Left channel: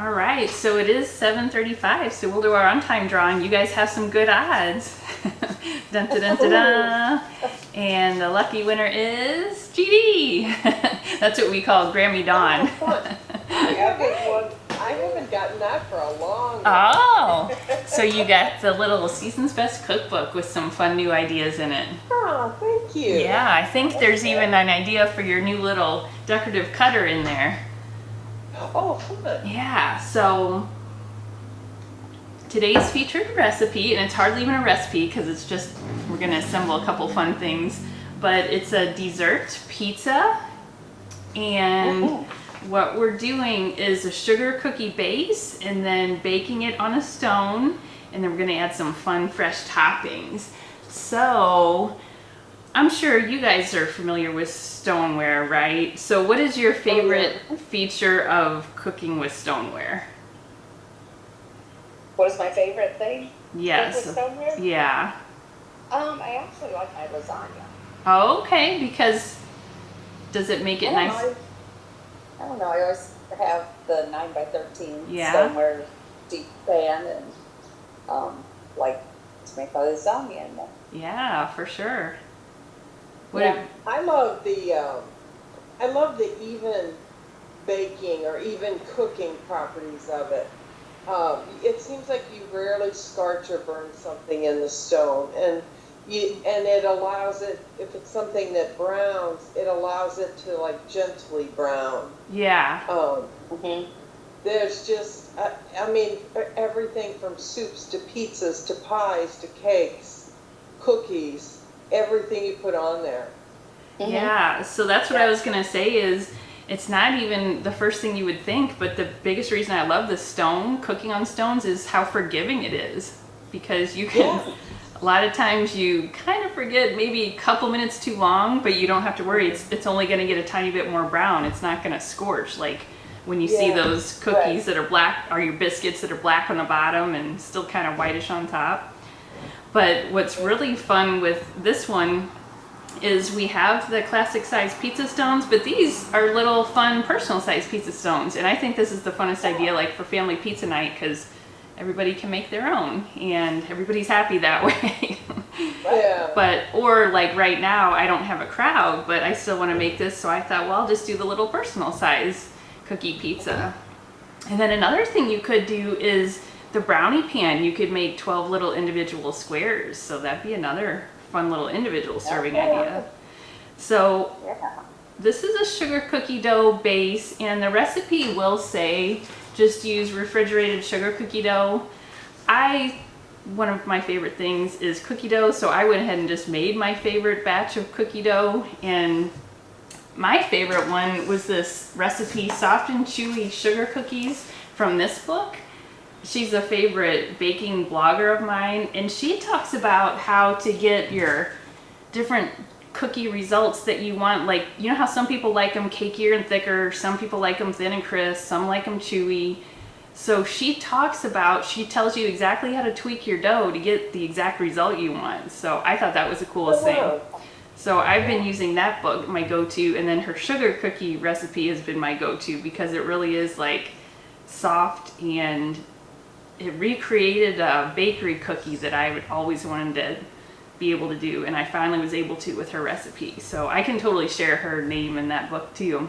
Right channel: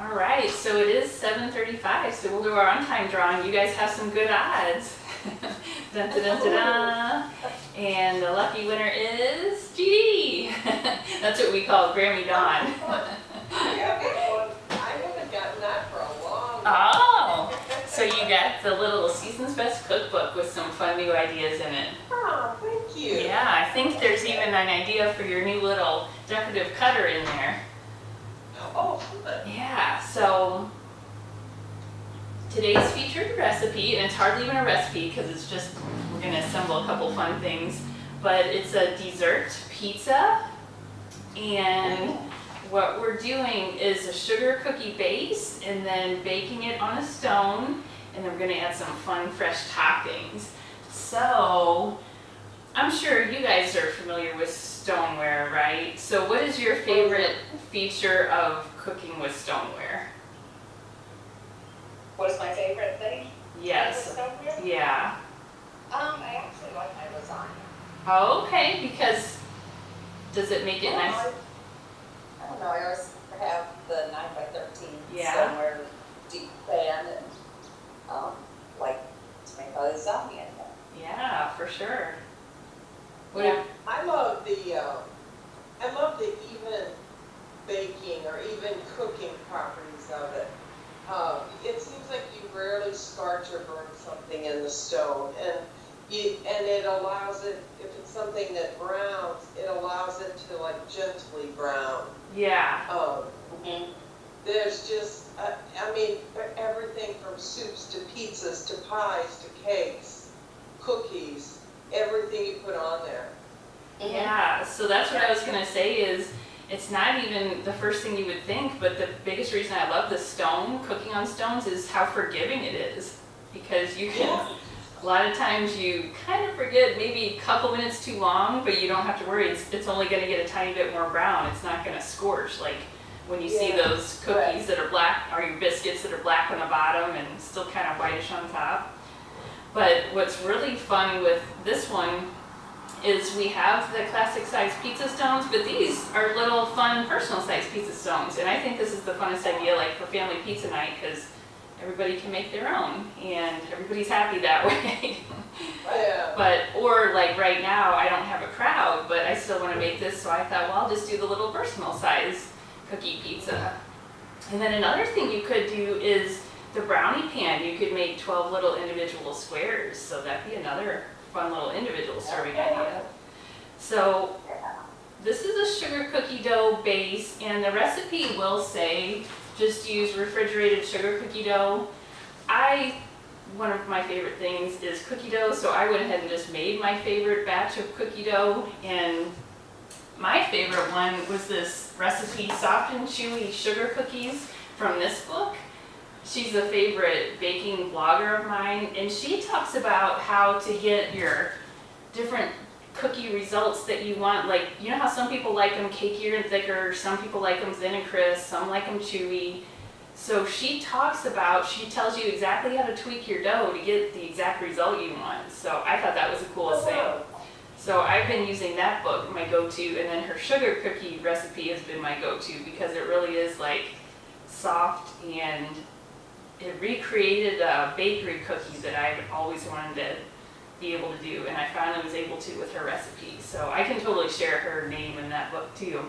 All right, so it is 7:35, so we'll do our on-time drawing. You guys have some good odds. Dun, dun, dun, dun, dun. And the lucky winner is GD. That's what we call Grammy Dawn. I haven't gotten that for a long time. Oh, so you got the little Season's Best cookbook with some fun new ideas in it. Oh, thank you. Yeah, I think there's even an idea for your new little decorative cutter in there. Oh, good. Yeah, so today's featured recipe, and it's hardly even a recipe because it's just, we're gonna assemble a couple fun things, but it's a dessert pizza, and what we're doing is a sugar cookie base and then baking it on a stone, and then we're gonna add some fun fresh toppings. So I'm sure you guys are familiar with stoneware, right? So what is your favorite feature of cooking with stoneware? What is my favorite thing? Yes. With stoneware? Yeah. I actually like my lasagna. Oh, okay, because does it make it nice? I don't know. I always have the 9x13 Yeah. stoneware deep pan and like to make my lasagna in there. Yeah, for sure. What Yeah. I love the even baking or even cooking properties of it. It seems like you rarely scorch or burn something in the stone, and it allows it, if it's something that browns, it allows it to like gently brown. Yeah. There's just, I mean, everything from soups to pizzas to pies to cakes, cookies, everything you put on there. Yeah, so that's what I was gonna say is it's not even the first thing you would think, but the biggest reason I love the stone, cooking on stones, is how forgiving it is. Because you can, a lot of times you kind of forget maybe a couple minutes too long, but you don't have to worry, it's only gonna get a tiny bit more brown. It's not gonna scorch like when you see those cookies that are black, or your biscuits that are black on the bottom and still kind of whitish on top. But what's really fun with this one is we have the classic size pizza stones, but these are little fun personal size pizza stones. And I think this is the funnest idea, like for family pizza night, because everybody can make their own and everybody's happy that way. Yeah. But, or like right now, I don't have a crowd, but I still want to make this, so I thought, well, I'll just do the little personal size cookie pizza. And then another thing you could do is the brownie pan. You could make 12 little individual squares, so that'd be another fun little individual serving idea. So this is a sugar cookie dough base, and the recipe will say just use refrigerated sugar cookie dough. One of my favorite things is cookie dough, so I went ahead and just made my favorite batch of cookie dough, and my favorite one was this recipe, Soft and Chewy Sugar Cookies, from this book. She's a favorite baking blogger of mine, and she talks about how to get your different cookie results that you want. Like, you know how some people like them cakier and thicker, some people like them thin and crisp, some like them chewy. So she tells you exactly how to tweak your dough to get the exact result you want. So I thought that was the coolest thing. So I've been using that book, my go-to, and then her sugar cookie recipe has been my go-to because it really is like soft, and it recreated a bakery cookie that I always wanted to be able to do, and I finally was able to with her recipe. So I can totally share her name in that book too.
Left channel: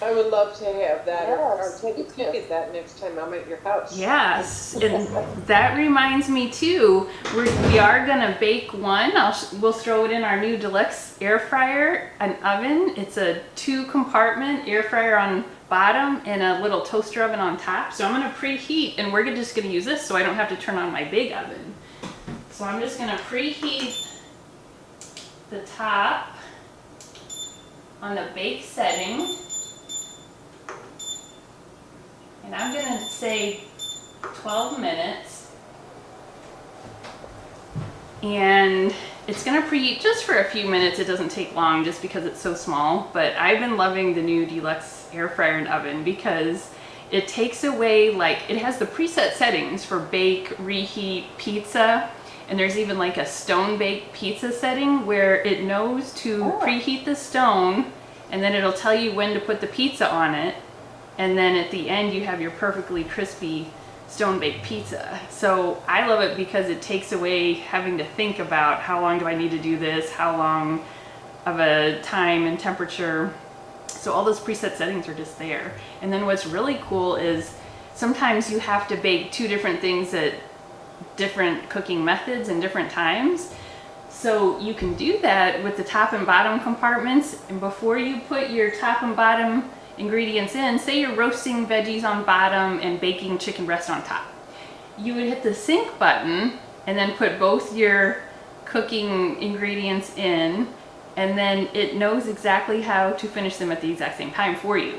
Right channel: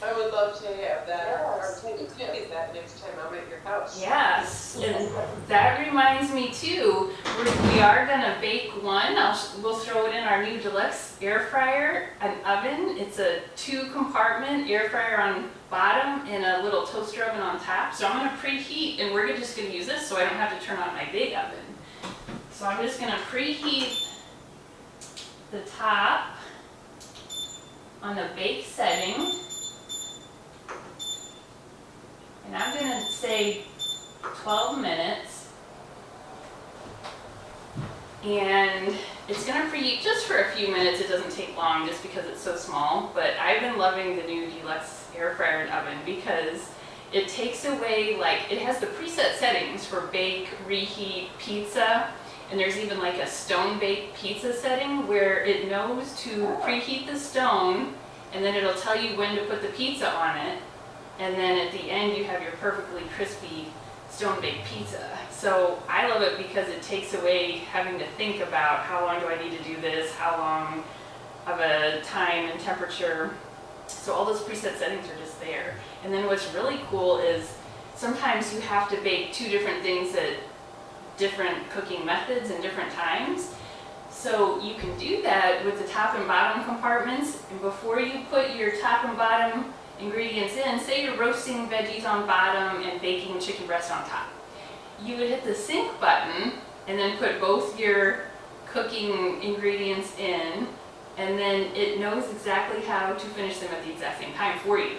I would love to have that, or Yes. take a look at that next time I'm at your house. Yes, and that reminds me too, we are gonna bake one. We'll throw it in our new deluxe air fryer and oven. It's a 2-compartment air fryer on bottom and a little toaster oven on top. So I'm gonna preheat, and we're just gonna use this so I don't have to turn on my big oven. So I'm just gonna preheat the top on the bake setting. And I'm gonna say 12 minutes. And it's gonna preheat just for a few minutes. It doesn't take long just because it's so small. But I've been loving the new deluxe air fryer and oven because it takes away, like, it has the preset settings for bake, reheat, pizza. And there's even like a stone bake pizza setting where it knows to preheat the stone, and then it'll tell you when to put the pizza on it. And then at the end you have your perfectly crispy stone baked pizza. So I love it because it takes away having to think about how long do I need to do this, how long of a time and temperature. So all those preset settings are just there. And then what's really cool is sometimes you have to bake two different things at different cooking methods and different times. So you can do that with the top and bottom compartments, and before you put your top and bottom ingredients in, say you're roasting veggies on bottom and baking chicken breast on top, you would hit the sync button and then put both your cooking ingredients in, and then it knows exactly how to finish them at the exact same time for you.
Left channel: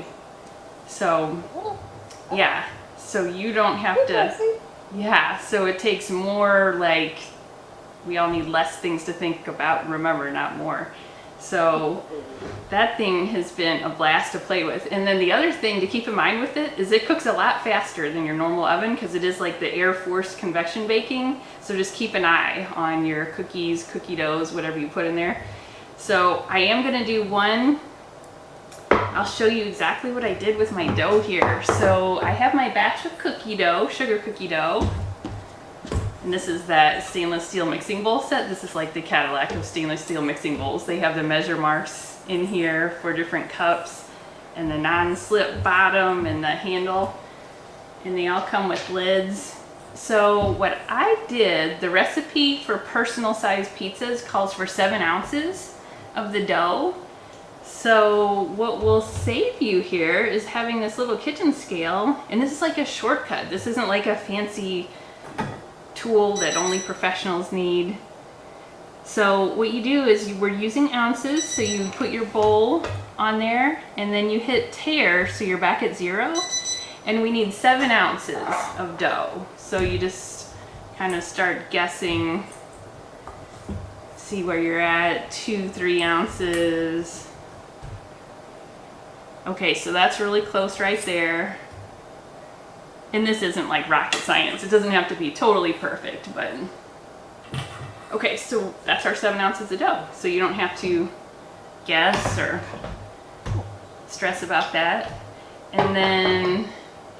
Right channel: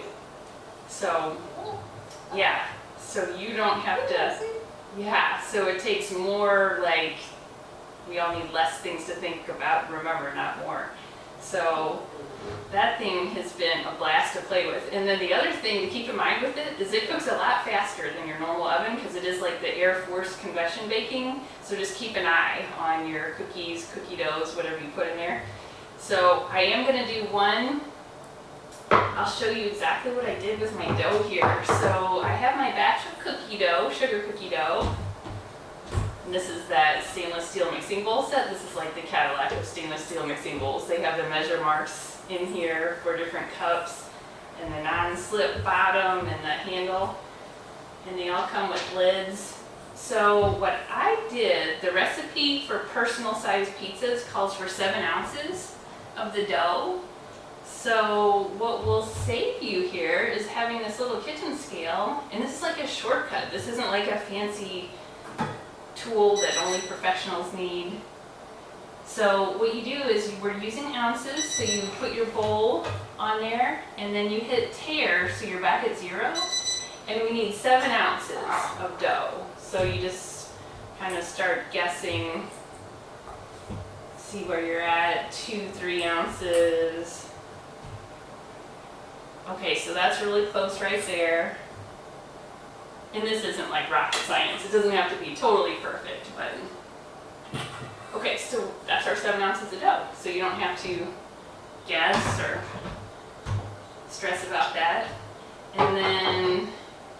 So yeah, so you don't have to, yeah, so it takes more, like, we all need less things to think about and remember, not more. So that thing has been a blast to play with. And then the other thing to keep in mind with it is it cooks a lot faster than your normal oven because it is like the air force convection baking. So just keep an eye on your cookies, cookie doughs, whatever you put in there. So I am going to do one. I'll show you exactly what I did with my dough here. So I have my batch of cookie dough, sugar cookie dough. And this is that stainless steel mixing bowl set. This is like the Cadillac of stainless steel mixing bowls. They have the measure marks in here for different cups and the non-slip bottom and the handle. And they all come with lids. So what I did, the recipe for personal size pizzas calls for 7 ounces of the dough. So what will save you here is having this little kitchen scale. And this is like a shortcut. This isn't like a fancy tool that only professionals need. So what you do is we're using ounces, so you put your bowl on there and then you hit tare, so you're back at 0, and we need 7 ounces of dough. So you just kind of start guessing, see where you're at, 2-3 ounces. Okay, so that's really close right there. And this isn't like rocket science. It doesn't have to be totally perfect, but okay, so that's our 7 ounces of dough. So you don't have to guess or stress about that. And then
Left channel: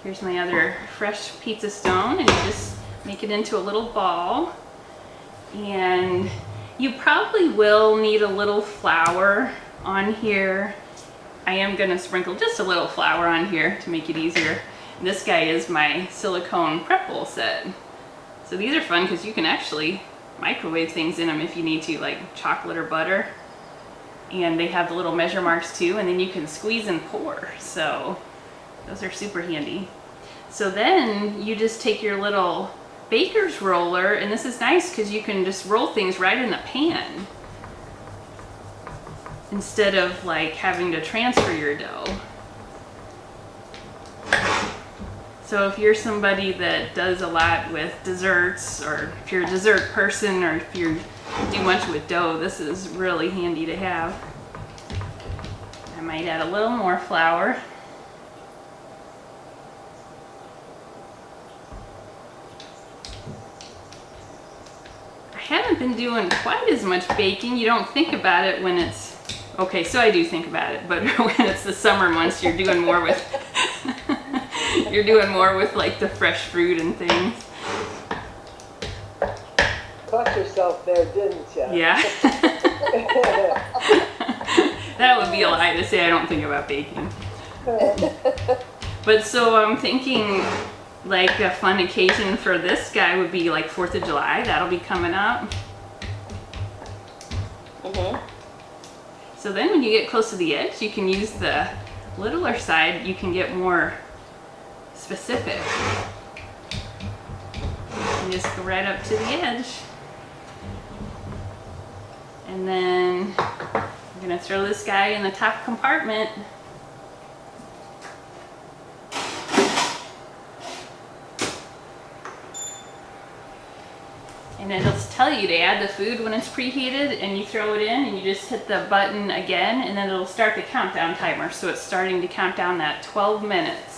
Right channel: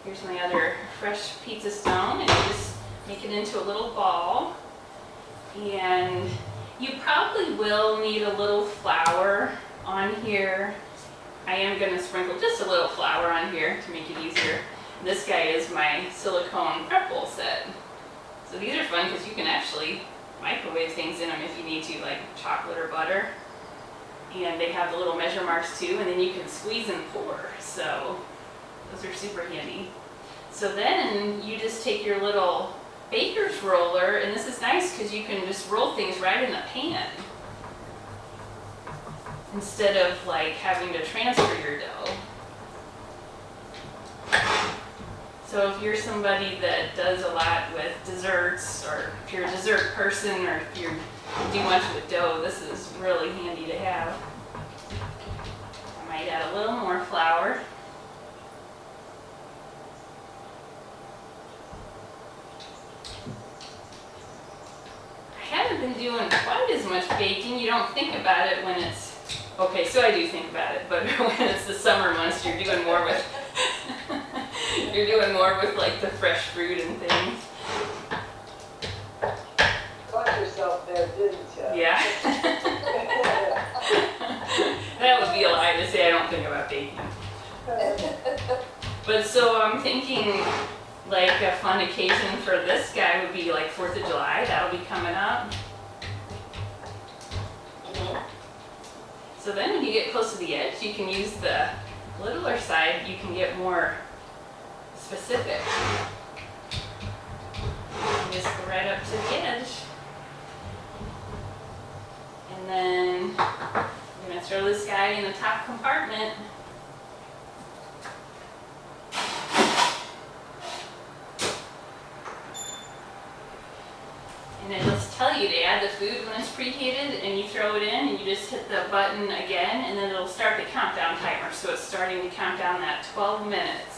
here's my other fresh pizza stone, and you just make it into a little ball. And you probably will need a little flour on here. I am gonna sprinkle just a little flour on here to make it easier. This guy is my silicone prep bowl set. So these are fun because you can actually microwave things in them if you need to, like chocolate or butter. And they have the little measure marks too, and then you can squeeze and pour. So those are super handy. So then you just take your little baker's roller, and this is nice because you can just roll things right in the pan instead of like having to transfer your dough. So if you're somebody that does a lot with desserts, or if you're a dessert person, or if you do much with dough, this is really handy to have. I might add a little more flour. I haven't been doing quite as much baking. You don't think about it when it's, okay, so I do think about it, but when it's the summer months, you're doing more with you're doing more with like the fresh fruit and things. Caught yourself there, didn't you? Yeah. That would be a lie to say I don't think about baking. But so I'm thinking like a fun occasion for this guy would be like 4th of July. That'll be coming up. So then when you get close to the edge, you can use the littler side. You can get more specific. And just go right up to the edge. And then I'm gonna throw this guy in the top compartment. And it'll tell you to add the food when it's preheated, and you throw it in and you just hit the button again, and then it'll start the countdown timer. So it's starting to count down that 12 minutes.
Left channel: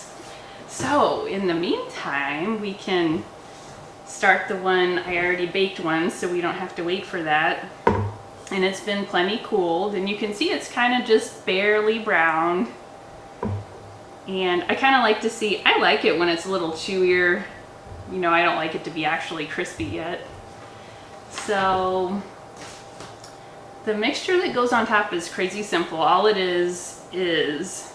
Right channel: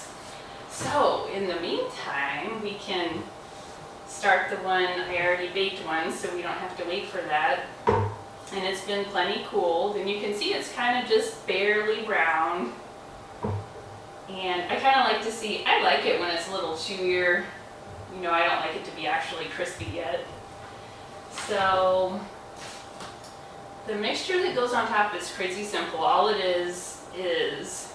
So in the meantime, we can start the one, I already baked one, so we don't have to wait for that. And it's been plenty cooled, and you can see it's kind of just barely brown. And I kind of like to see, I like it when it's a little chewier. You know, I don't like it to be actually crispy yet. So the mixture that goes on top is crazy simple. All it is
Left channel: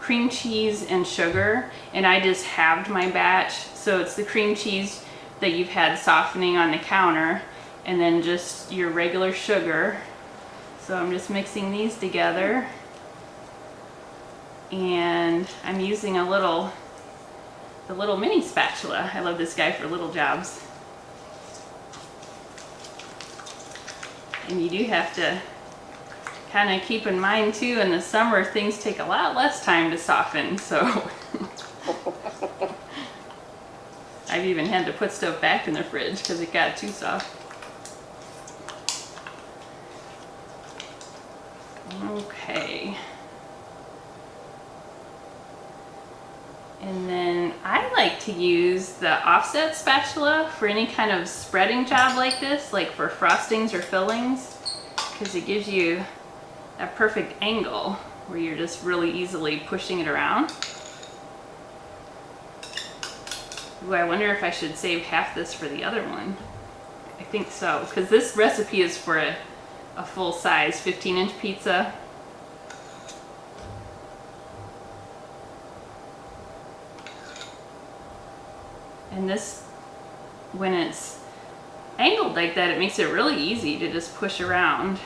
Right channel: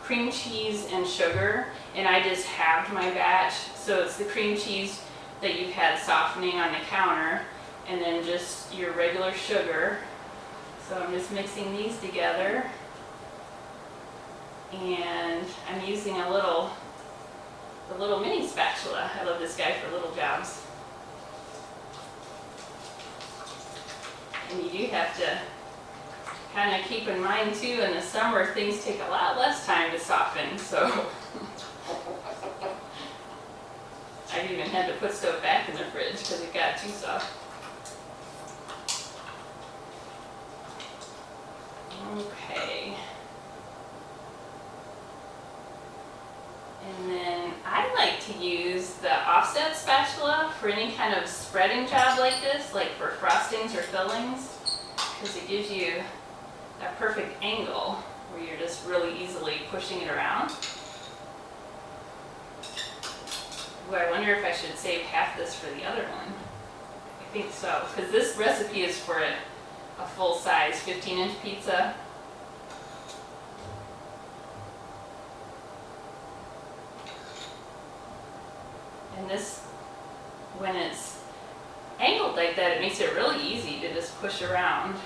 cream cheese and sugar, and I just halved my batch. So it's the cream cheese that you've had softening on the counter, and then just your regular sugar. So I'm just mixing these together, and I'm using the little mini spatula. I love this guy for little jobs. And you do have to kind of keep in mind too, in the summer things take a lot less time to soften, so I've even had to put stuff back in the fridge because it got too soft. Okay. And then I like to use the offset spatula for any kind of spreading job like this, like for frostings or fillings, because it gives you that perfect angle where you're just really easily pushing it around. Ooh, I wonder if I should save half this for the other one. I think so, because this recipe is for a full size 15-inch pizza. And this, when it's angled like that, it makes it really easy to just push around.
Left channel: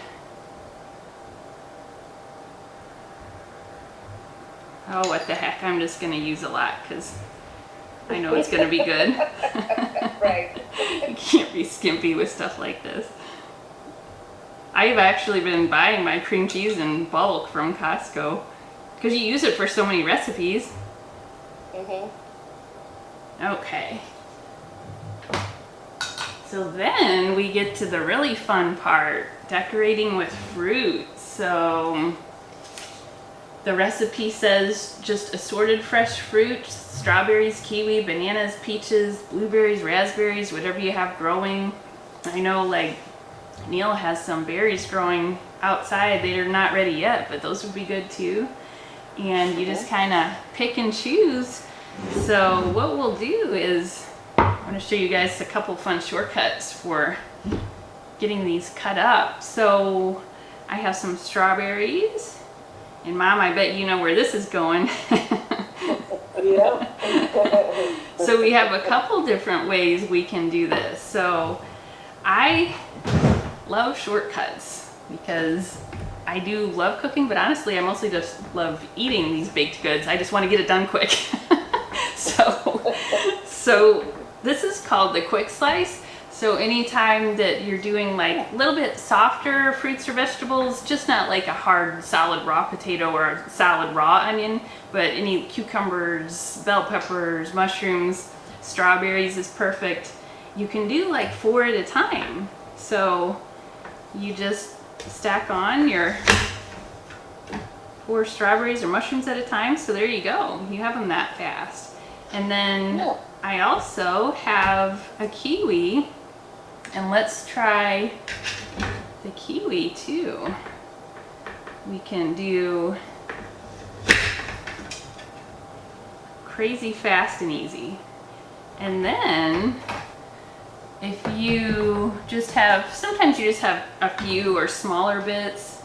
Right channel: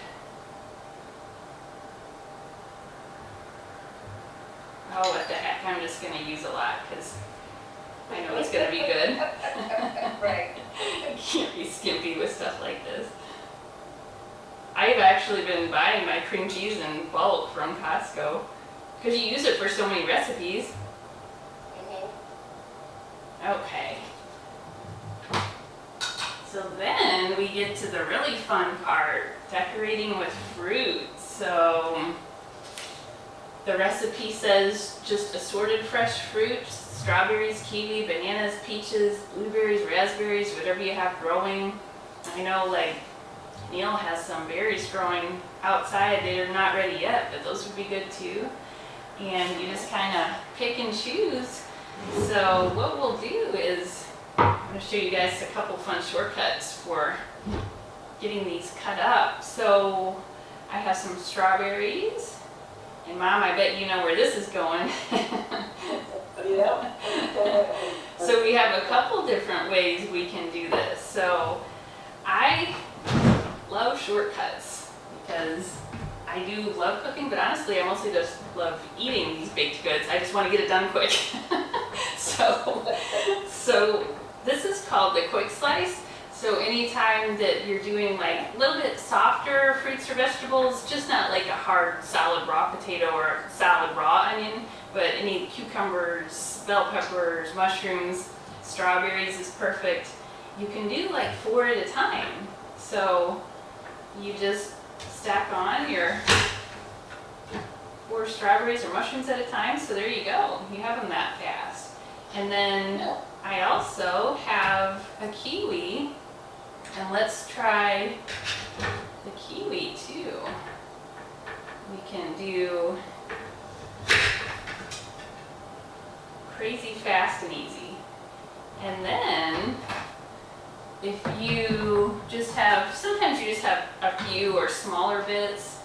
Oh, what the heck, I'm just gonna use a lot because I know it's gonna be good. Right. You can't be skimpy with stuff like this. I've actually been buying my cream cheese in bulk from Costco because you use it for so many recipes. Okay. So then we get to the really fun part, decorating with fruit. So the recipe says just assorted fresh fruit, strawberries, kiwi, bananas, peaches, blueberries, raspberries, whatever you have growing. I know like Neil has some berries growing outside. They're not ready yet, but those would be good too. And you just kind of pick and choose. So what we'll do is, I'm going to show you guys a couple fun shortcuts for getting these cut up. So I have some strawberries, and Mom, I bet you know where this is going. Yeah. So we have a couple different ways we can do this. So I love shortcuts because I do love cooking, but honestly I mostly just love eating these baked goods. I just want to get it done quick. So this is called the quick slice. So anytime that you're doing like a little bit softer fruits or vegetables, just not like a hard solid raw potato or a solid raw onion, but any cucumbers, bell peppers, mushrooms, strawberries is perfect. You can do like 4 at a time. So you just stack on your 4 strawberries or mushrooms at a time. So there you go. You have them that fast. And then I also have a kiwi, and let's try the kiwi too. We can do crazy fast and easy. And then if you just have, sometimes you just have a few or smaller bits.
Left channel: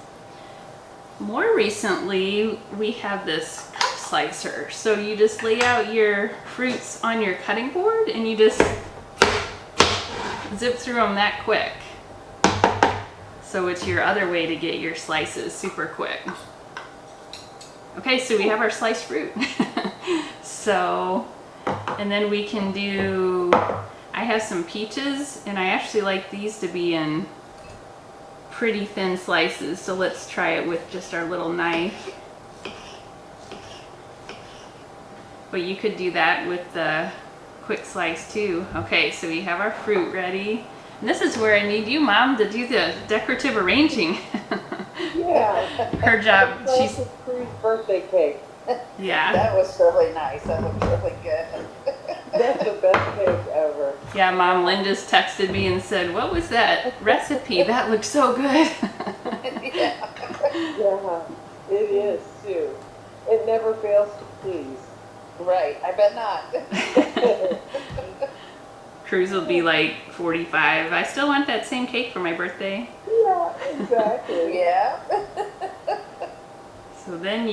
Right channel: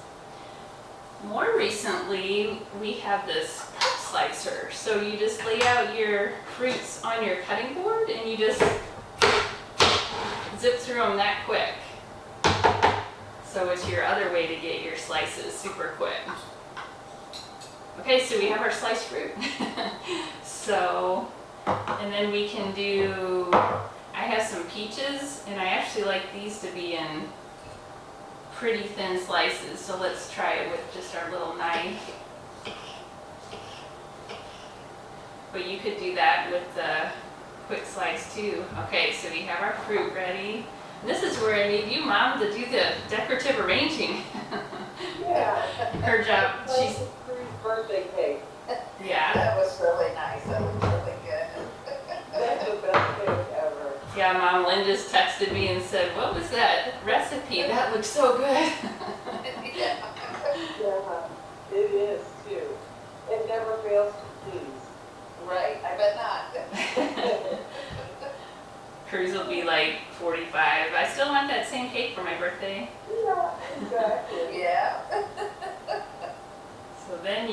More recently, we have this cup slicer. So you just lay out your fruits on your cutting board and you just zip through them that quick. So it's your other way to get your slices super quick. Okay, so we have our sliced fruit. So, and then we can do, I have some peaches, and I actually like these to be in pretty thin slices, so let's try it with just our little knife. But you could do that with the quick slice too. Okay, so we have our fruit ready. And this is where I need you, Mom, to do the decorative arranging. Yeah. Her job, she's, Crew's birthday cake. yeah. That was really nice. That was really good. That's the best cake ever. Yeah, Mom, Lynn just texted me and said, what was that recipe? That looks so good. Yeah. Yeah, it is too. It never fails to Right, I bet not. Cruise will be like 45. I still want that same cake for my birthday. Yeah, exactly. Yeah. So then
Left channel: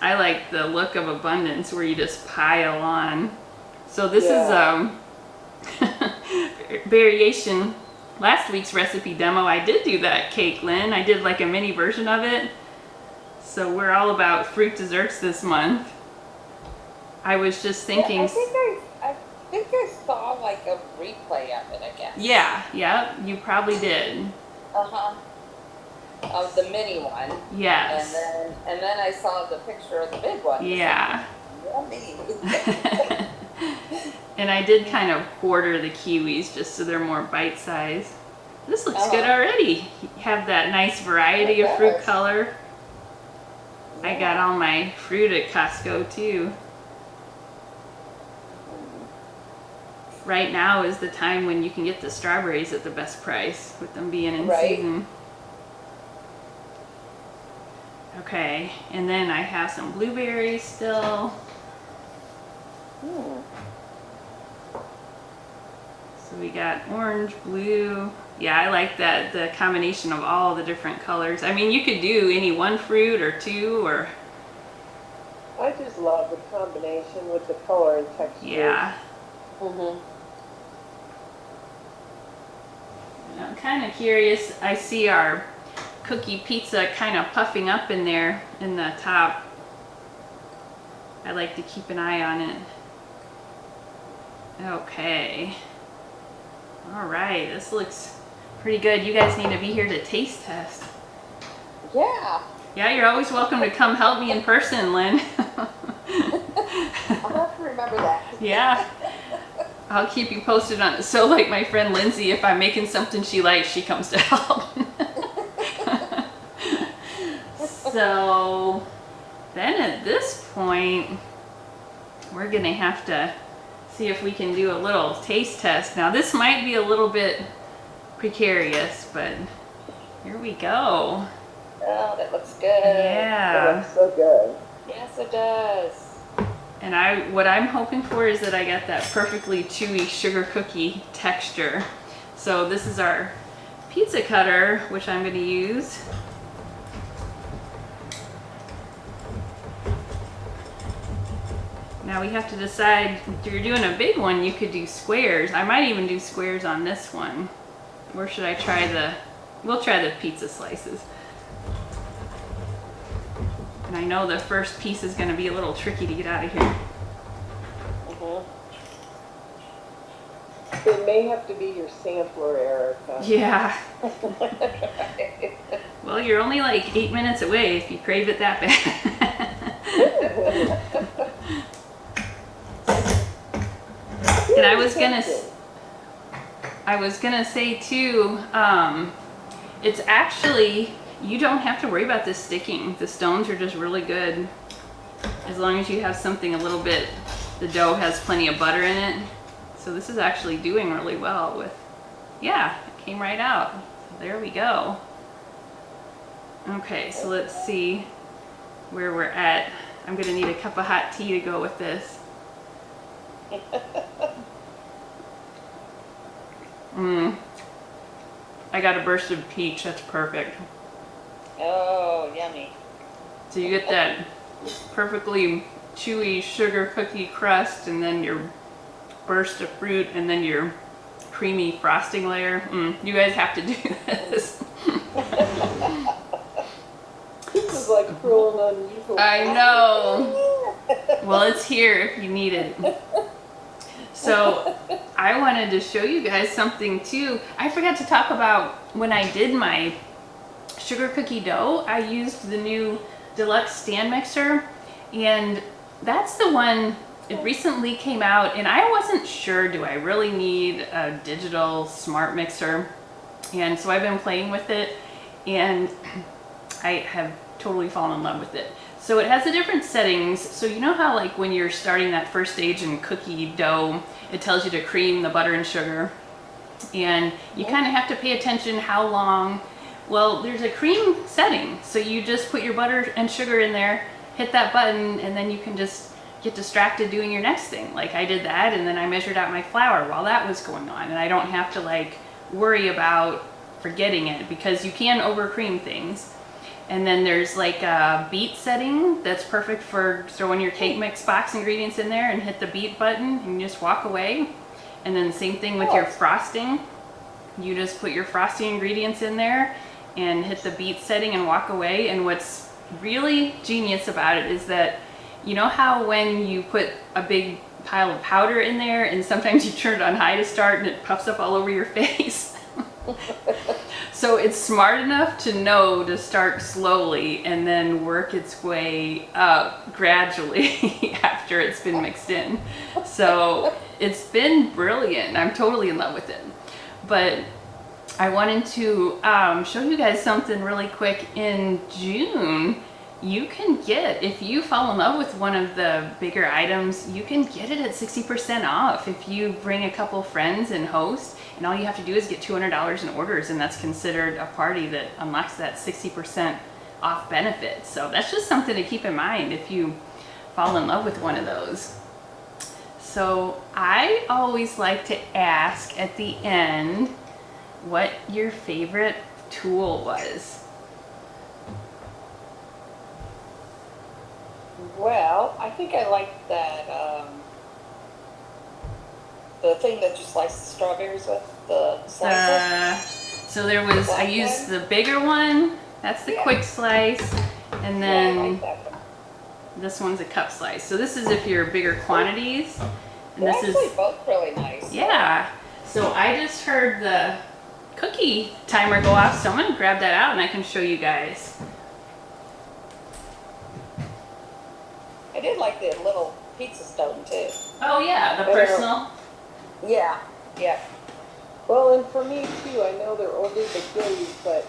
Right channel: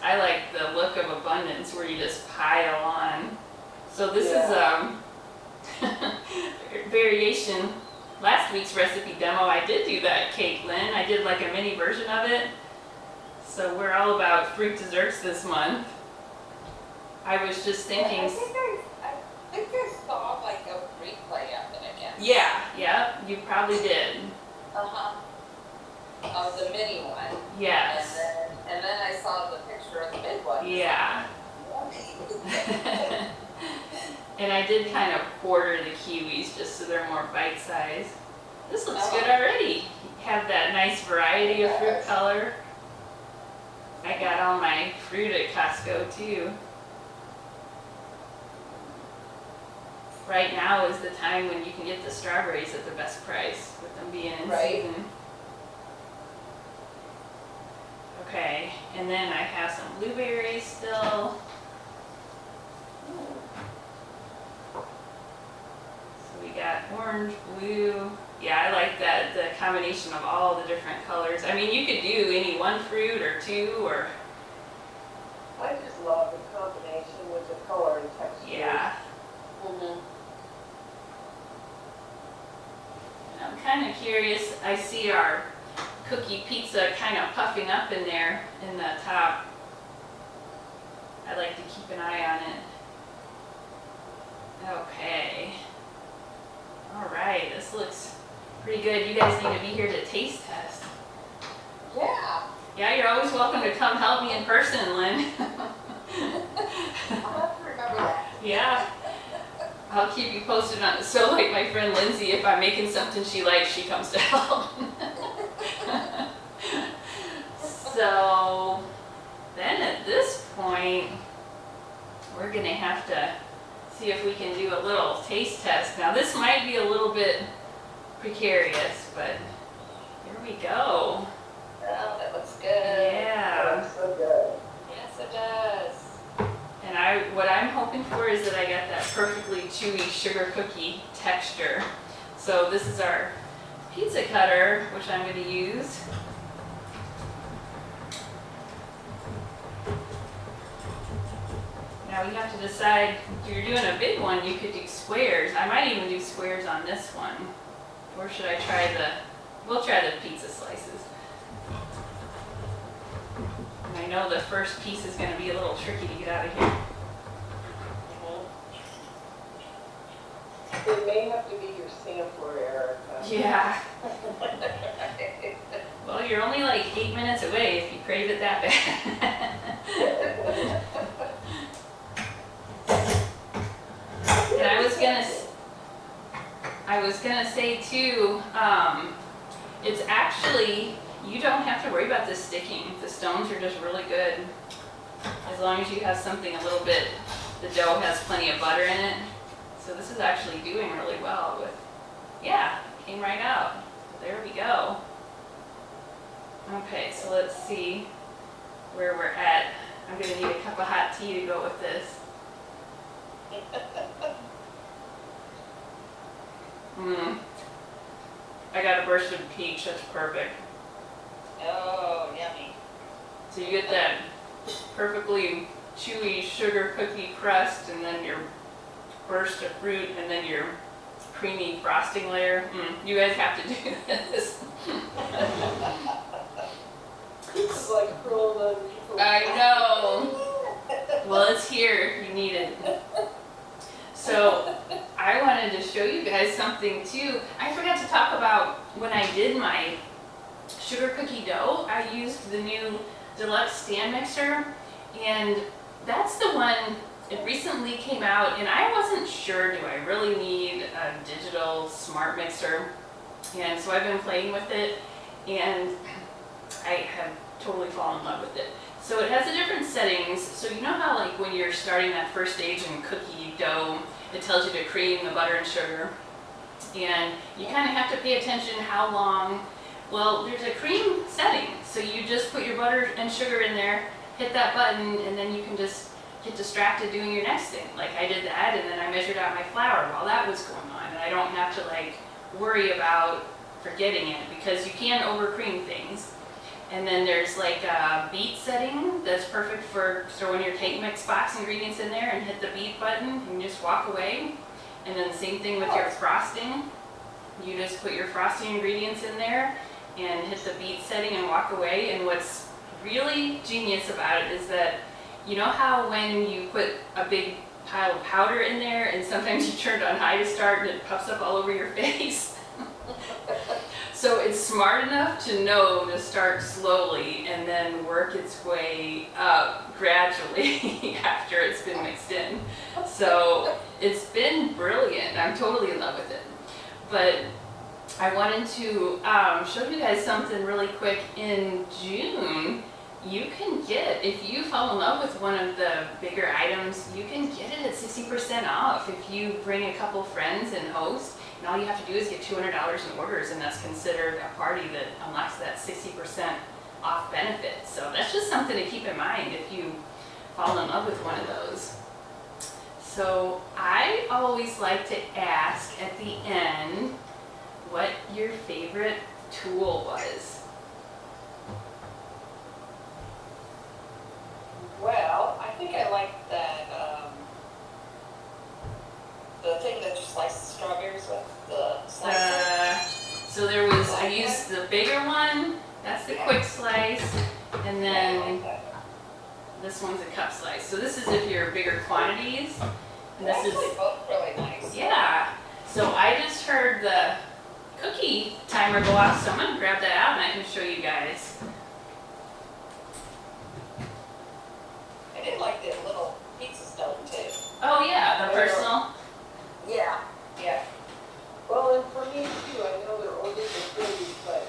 I like the look of abundance where you just pile on. So this is variation. Last week's recipe demo, I did do that cake, Lynn. I did like a mini version of it. So we're all about fruit desserts this month. I was just thinking. I think I saw like a replay of it, I guess. Yeah, you probably did. Uh-huh. Of the mini one. Yes. And then I saw the picture of the big one. Yeah. Yummy. And I did kind of quarter the kiwis just so they're more bite-sized. This looks good already. You have that nice variety of fruit color. I got all my fruit at Costco too. Right now is the time when you can get the strawberries at the best price with them being in season. Okay, and then I have some blueberries still. So we got orange, blue. Yeah, I like that, the combination of all the different colors. I mean, you could do any one fruit or two or... I just love the combination with the color and texture. Yeah. Mm-hmm. And I'm kind of curious. I see our cookie pizza kind of puffing up in there in the top. I like to keep an eye on it. Okay. All right, this looks pretty good. You guys need to be here to taste test. Yeah. Yeah, you're always welcome to come help me in person, Lynn. I'll have to remember that. Yeah. I'll keep you posted on it. So like my friend Lindsay, if I'm making something she likes, she comes to help. So then at this point, we're gonna have to see if we can do a little taste test. Now this might be a little bit precarious, but here we go. Oh, that looks good. It Yeah. looks so good. Yes, it does. And what I'm hoping for is that I get that perfectly chewy sugar cookie texture. So this is our pizza cutter, which I'm going to use. Now we have to decide, if you're doing a big one, you could do squares. I might even do squares on this one. Or should I try we'll try the pizza slices. And I know the first piece is going to be a little tricky to get out of here. It may have to be your sampler, Erica. Yeah. Well, you're only like 8 minutes away if you crave it that bad. And I was gonna say too, it's actually, you don't have to worry about this sticking. The stones are just really good. As long as you have something a little bit, the dough has plenty of butter in it. So this is actually doing really well with, yeah, it came right out. There we go. Okay, so let's see where we're at. I'm gonna need a cup of hot tea to go with this. I got a burst of peach, that's perfect. Oh, yummy. So you get that perfectly chewy sugar cookie crust and then your burst of fruit and then your creamy frosting layer. You guys have to do this. This is like cruel and unusual. I know. Well, it's here if you need it. So I wanted to show you guys something too. I forgot to talk about when I did my sugar cookie dough, I used the new Deluxe stand mixer, and that's the one, it recently came out, and I wasn't sure, do I really need a digital smart mixer? And so I've been playing with it, and I have totally fallen in love with it. So it has the different settings. So you know how like when you're starting that first stage in cookie dough, it tells you to cream the butter and sugar. And you kind of have to pay attention how long. Well, there's a cream setting. So you just put your butter and sugar in there, hit that button, and then you can just get distracted doing your next thing. Like I did that, and then I measured out my flour while that was going on, and I don't have to like worry about forgetting it, because you can overcream things. And then there's like a beat setting that's perfect for throwing your cake mix box ingredients in there and hit the beat button and you just walk away. And then same thing with your frosting. You just put your frosting ingredients in there and hit the beat setting and walk away. And what's really genius about it is that, you know how when you put a big pile of powder in there and sometimes you turn it on high to start and it puffs up all over your face? So it's smart enough to know to start slowly and then work its way up gradually after it's been mixed in. So it's been brilliant. I'm totally in love with it. But I wanted to show you guys something really quick. In June, you can get, if you fall in love with one of the bigger items, you can get it at 60% off if you bring a couple friends and host. And all you have to do is get $200 in orders, and that's considered a party that unlocks that 60% off benefit. So that's just something to keep in mind if you fall in love with one of those. So I always like to ask at the end what your favorite tool was. Well, I think I like that, the thing that you slice the strawberries with, the slicer. So there was, I used the bigger one, that's the quick slice, and then Yeah, I like that one. this one's a cup slice. So this is if you're bigger quantities. And They're this is, actually both really nice. yeah. So I just heard the cookie timer go off, so I'm gonna grab that out and I can show you guys. I did like the little pizza stone too. Oh yeah, the personal. Yeah, yeah. Well, and for me too, I know they're older but goodies, but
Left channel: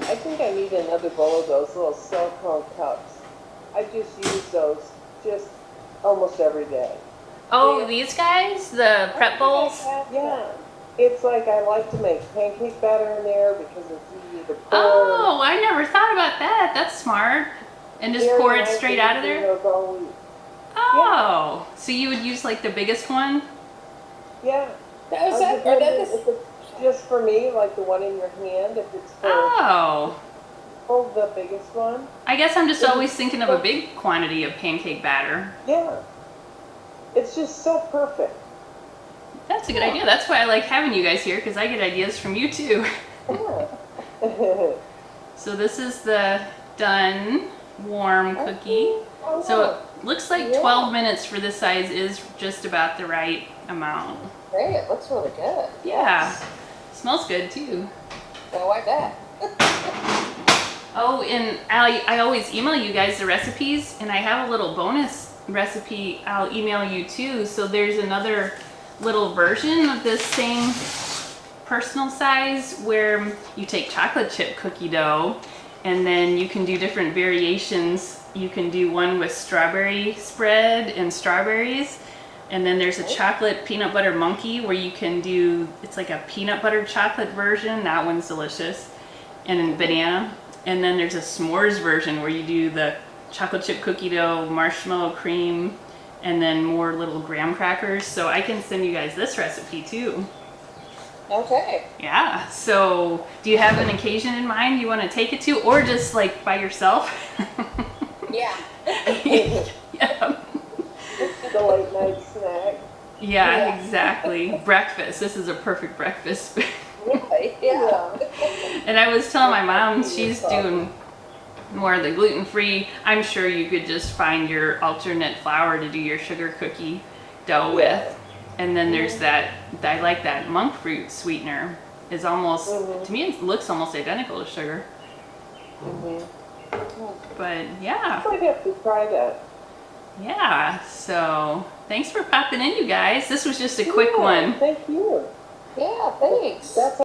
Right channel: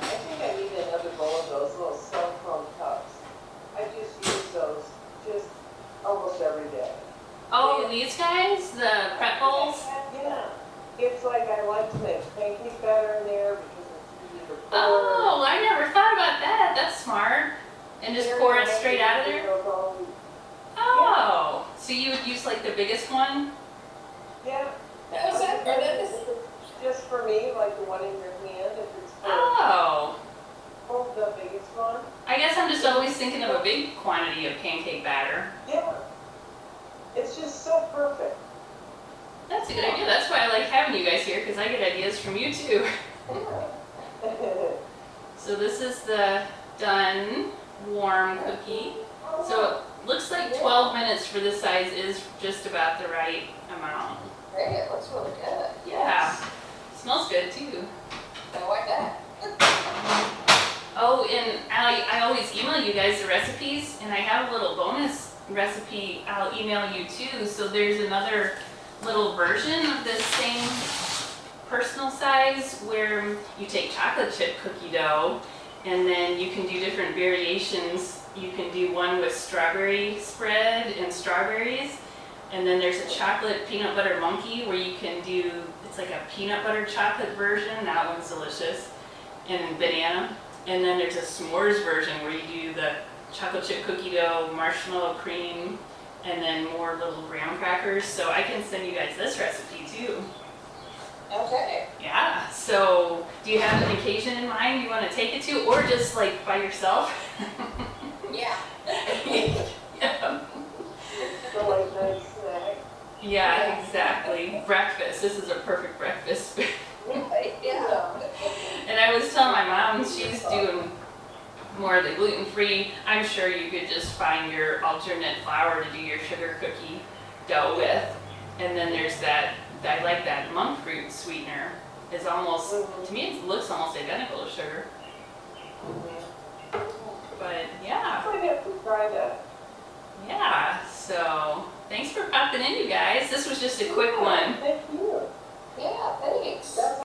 I think I need another bowl of those little silicone cups. I just use those just almost every day. Oh, these guys, the prep bowls. Yeah. It's like I like to make pancake batter in there because it's easy to pour. Oh, I never thought about that. That's smart. And just Very pour it nice straight to out of do there? those all week. Oh, so you would use like the biggest one? Yeah. Now, is that, or that is, If it's just for me, like the one in your hand, if it's for Oh, the biggest one. I guess I'm just always thinking of a big quantity of pancake batter. Yeah. It's just so perfect. That's a good idea. That's why I like having you guys here, because I get ideas from you too. Yeah. So this is the done warm cookie. Oh, So it looks like Yeah. 12 minutes for this size is just about the right amount. hey, it looks really good. Yeah, smells good too. I like that. Oh, and I always email you guys the recipes, and I have a little bonus recipe I'll email you too. So there's another little version of this same personal size where you take chocolate chip cookie dough and then you can do different variations. You can do one with strawberry spread and strawberries, and then there's a chocolate peanut butter monkey where you can do, it's like a peanut butter chocolate version, that one's delicious, and banana. And then there's a s'mores version where you do the chocolate chip cookie dough, marshmallow cream, and then more little graham crackers. So I can send you guys this recipe too. Okay. Yeah, so do you have an occasion in mind you want to take it to, or just like by yourself? Yeah. Yeah. The late night snack. Yeah, exactly. Breakfast. This is a perfect breakfast. Really? Yeah. And I was telling my mom, she's doing more of the gluten-free. I'm sure you could just find your alternate flour to do your sugar cookie dough with. And then there's that, I like that monk fruit sweetener. It's almost, to me it looks almost identical to sugar. But yeah, I might have to try that. yeah. So thanks for popping in, you guys. This was just a quick Yeah, one. Thank you. Yeah, thanks. That's